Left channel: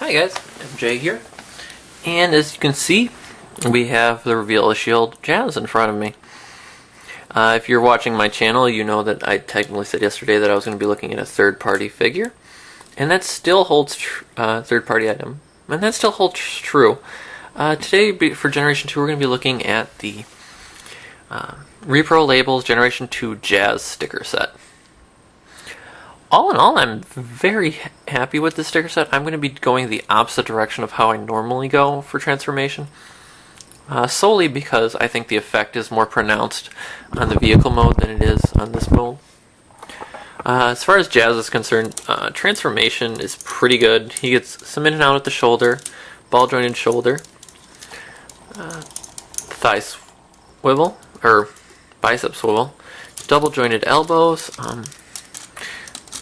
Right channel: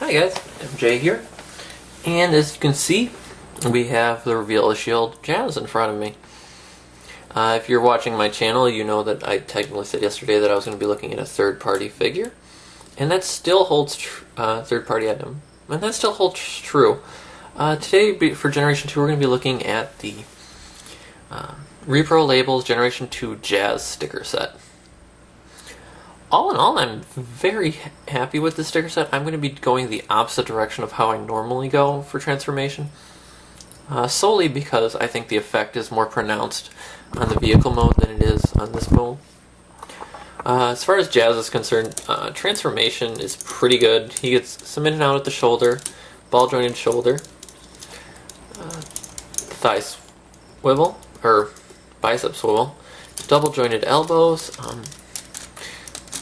Hi guys, MJ here, and as you can see, we have the Reveal a Shield Jazz in front of me. If you're watching my channel, you know that I technically said yesterday that I was going to be looking at a third-party figure, and that still holds third-party item, and that still holds true. Today, for Generation 2, we're going to be looking at the Reprolabels Generation 2 Jazz sticker set. All in all, I'm very happy with this sticker set. I'm going to be going the opposite direction of how I normally go for transformation. Solely because I think the effect is more pronounced on the vehicle mode than it is on this mode. As far as Jazz is concerned, transformation is pretty good. He gets some in and out at the shoulder, ball jointed shoulder, thigh swivel, or bicep swivel, double jointed elbows.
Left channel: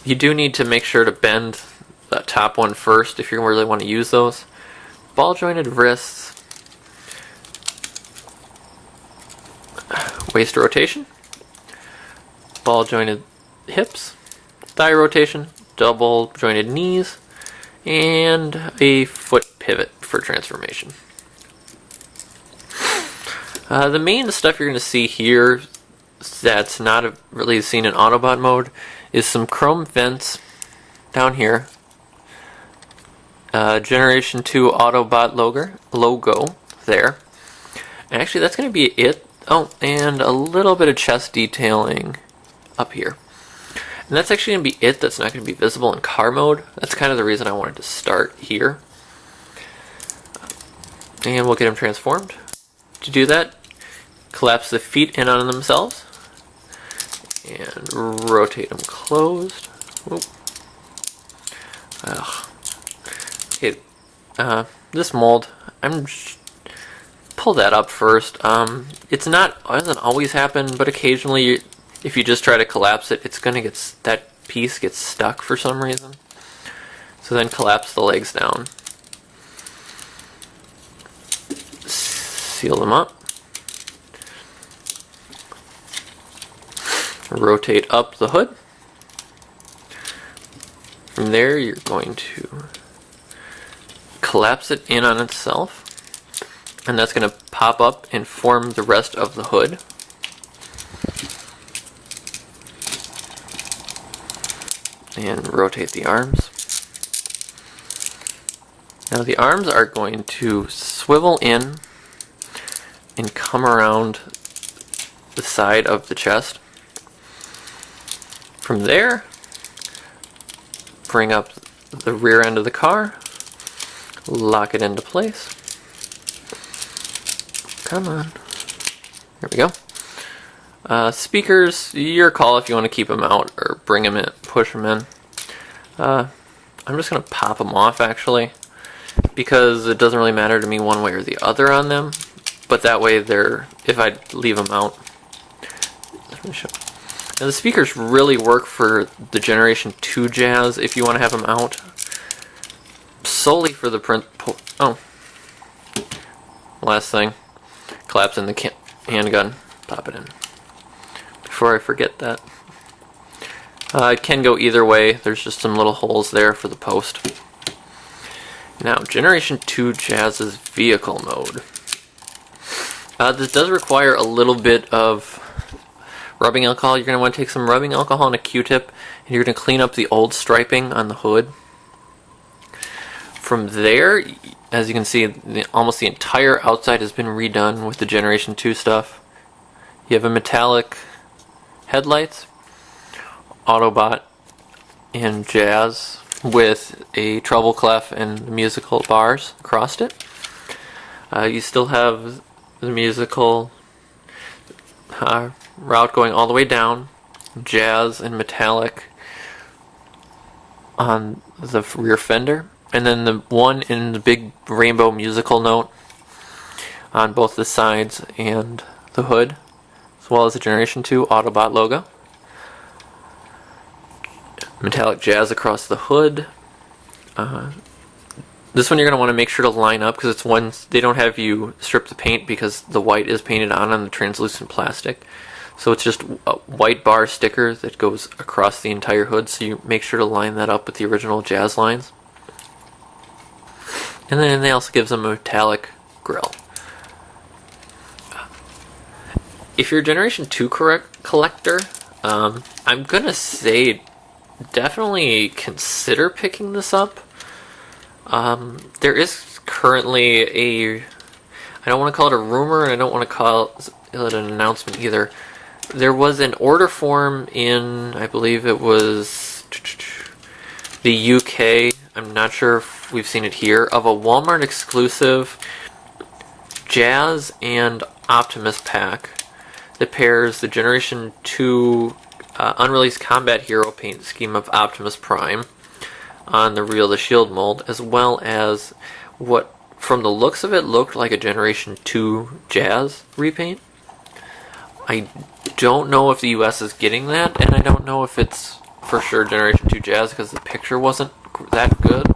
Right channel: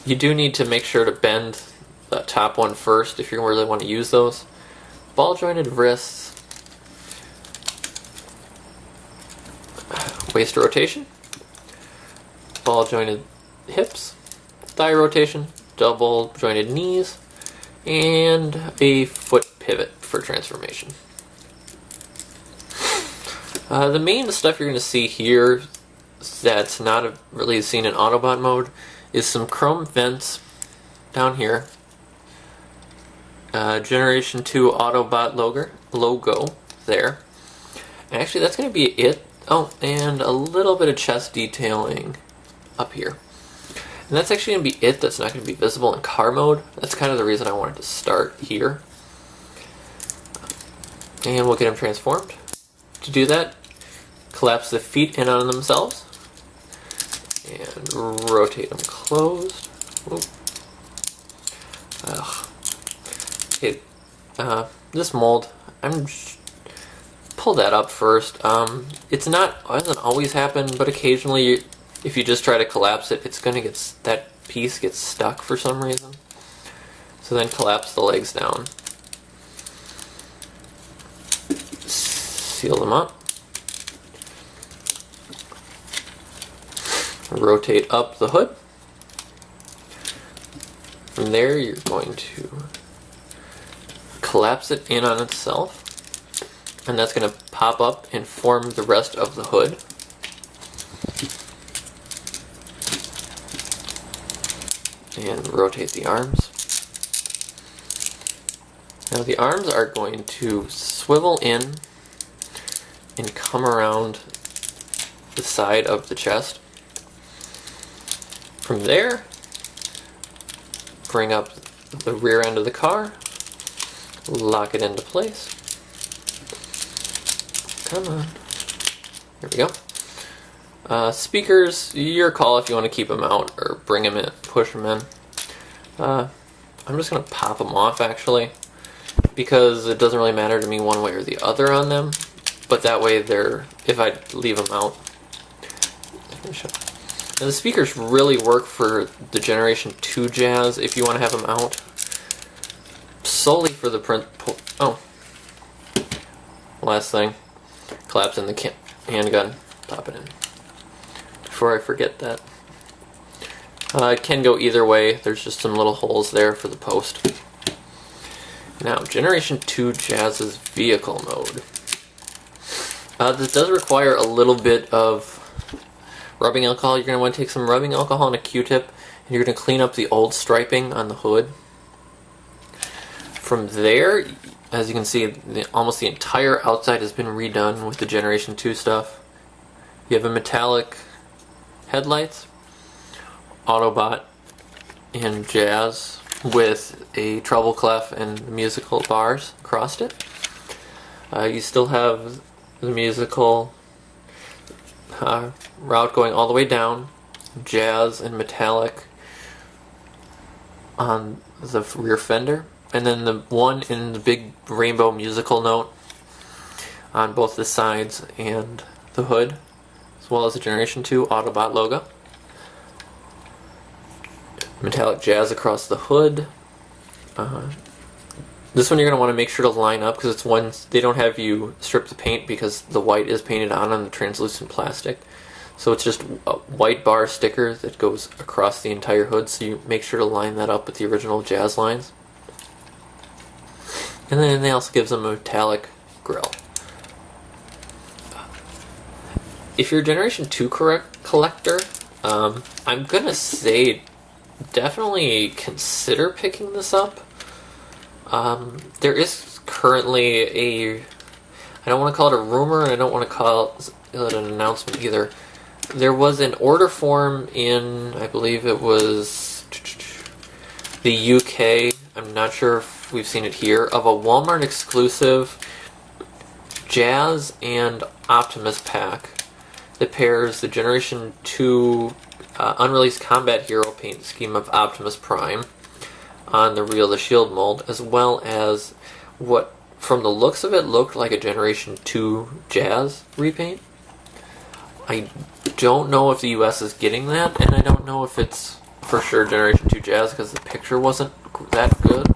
You do need to make sure to bend the top one first if you really want to use those. Ball jointed wrists, waist rotation, ball jointed hips, thigh rotation, double jointed knees, and a foot pivot for transformation. The main stuff you're going to see here that's not really seen in Autobot mode is some chrome vents down here, Generation 2 Autobot logo there, and actually that's going to be it. Oh, and a little bit of chest detailing up here. And that's actually going to be it. That's not going to be visible in car mode. That's kind of the reason I wanted to start here. And we'll get them transformed. To do that, collapse the feet in on themselves and rotate them closed. Okay, this mold, pull that up first. It doesn't always happen, but occasionally, if you just try to collapse it, it's gonna that piece gets stuck for some reason. So then collapse the legs down. Seal them up. Rotate up the hood. From there, you're going to collapse it in on itself, and that's going to pop up and form the rest of the hood. And rotate the arms. Now the arms are going to swivel in and come around the side of the chest. From there, bring up the rear end of the car, lock it into place. Come on. There we go. Speakers, your call if you want to keep them out or bring them in, push them in. I'm just going to pop them off actually, because it doesn't really matter to me one way or the other on them. But that way if I leave them out. Now the speakers really work for the Generation 2 Jazz if you want to have them out. Solely for the print. Last thing. Collapse in the handgun. Pop it in. Before I forget that. It can go either way. There's just some little holes there for the post. Now, Generation 2 Jazz's vehicle mode. This does require a little bit of rubbing alcohol. You're going to want to take some rubbing alcohol and a Q-tip, and you're going to clean up the old striping on the hood. From there, as you can see, almost the entire outside has been redone with the Generation 2 stuff. You have a metallic headlights, Autobot, and Jazz with a treble clef and musical bars across it. You still have the musical route going all the way down, Jazz and metallic on the rear fender, and then the one in the big rainbow musical note on both the sides and the hood, as well as the Generation 2 Autobot logo. Metallic Jazz across the hood. This one you're going to want to make sure to line up because it's one they don't have you strip the paint because the white is painted on the translucent plastic. So it's just a white bar sticker that goes across the entire hood, so you make sure to line that up with the original Jazz lines. And then they also give them a metallic grill. If you're a Generation 2 collector, I'm gonna say definitely consider picking this up. There is currently I don't want to call it a rumor, and I don't want to call it an announcement either. There was an order form in, I believe it was the UK, I'm not sure if we've seen it here, of a Walmart exclusive Jazz and Optimus pack that pairs the Generation 2 unreleased combat hero paint scheme of Optimus Prime on the Real the Shield mold, as well as what, from the looks of it, looked like a Generation 2 Jazz repaint. I don't know if the US is getting that, and I don't know if it's for sure Generation 2 Jazz because the picture wasn't that good.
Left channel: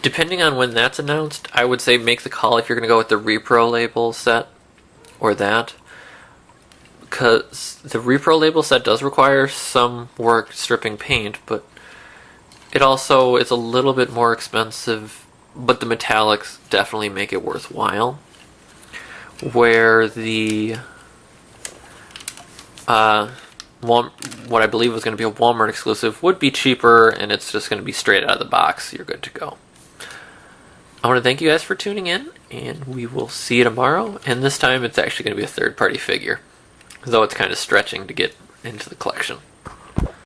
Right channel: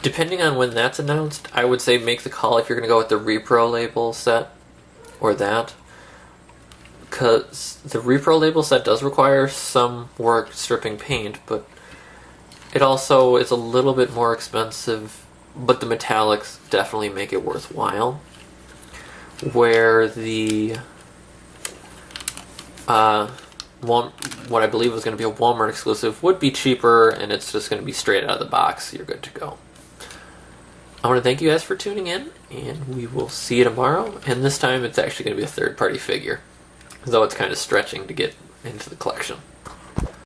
Depending on when that's announced, I would say make the call if you're going to go with the Reprolabel set or that. Because the Reprolabel set does require some work stripping paint, but it also is a little bit more expensive, but the metallics definitely make it worthwhile. Where the what I believe was going to be a Walmart exclusive would be cheaper, and it's just going to be straight out of the box. You're good to go. I want to thank you guys for tuning in, and we will see you tomorrow. And this time it's actually going to be a third-party figure, though it's kind of stretching to get into the collection.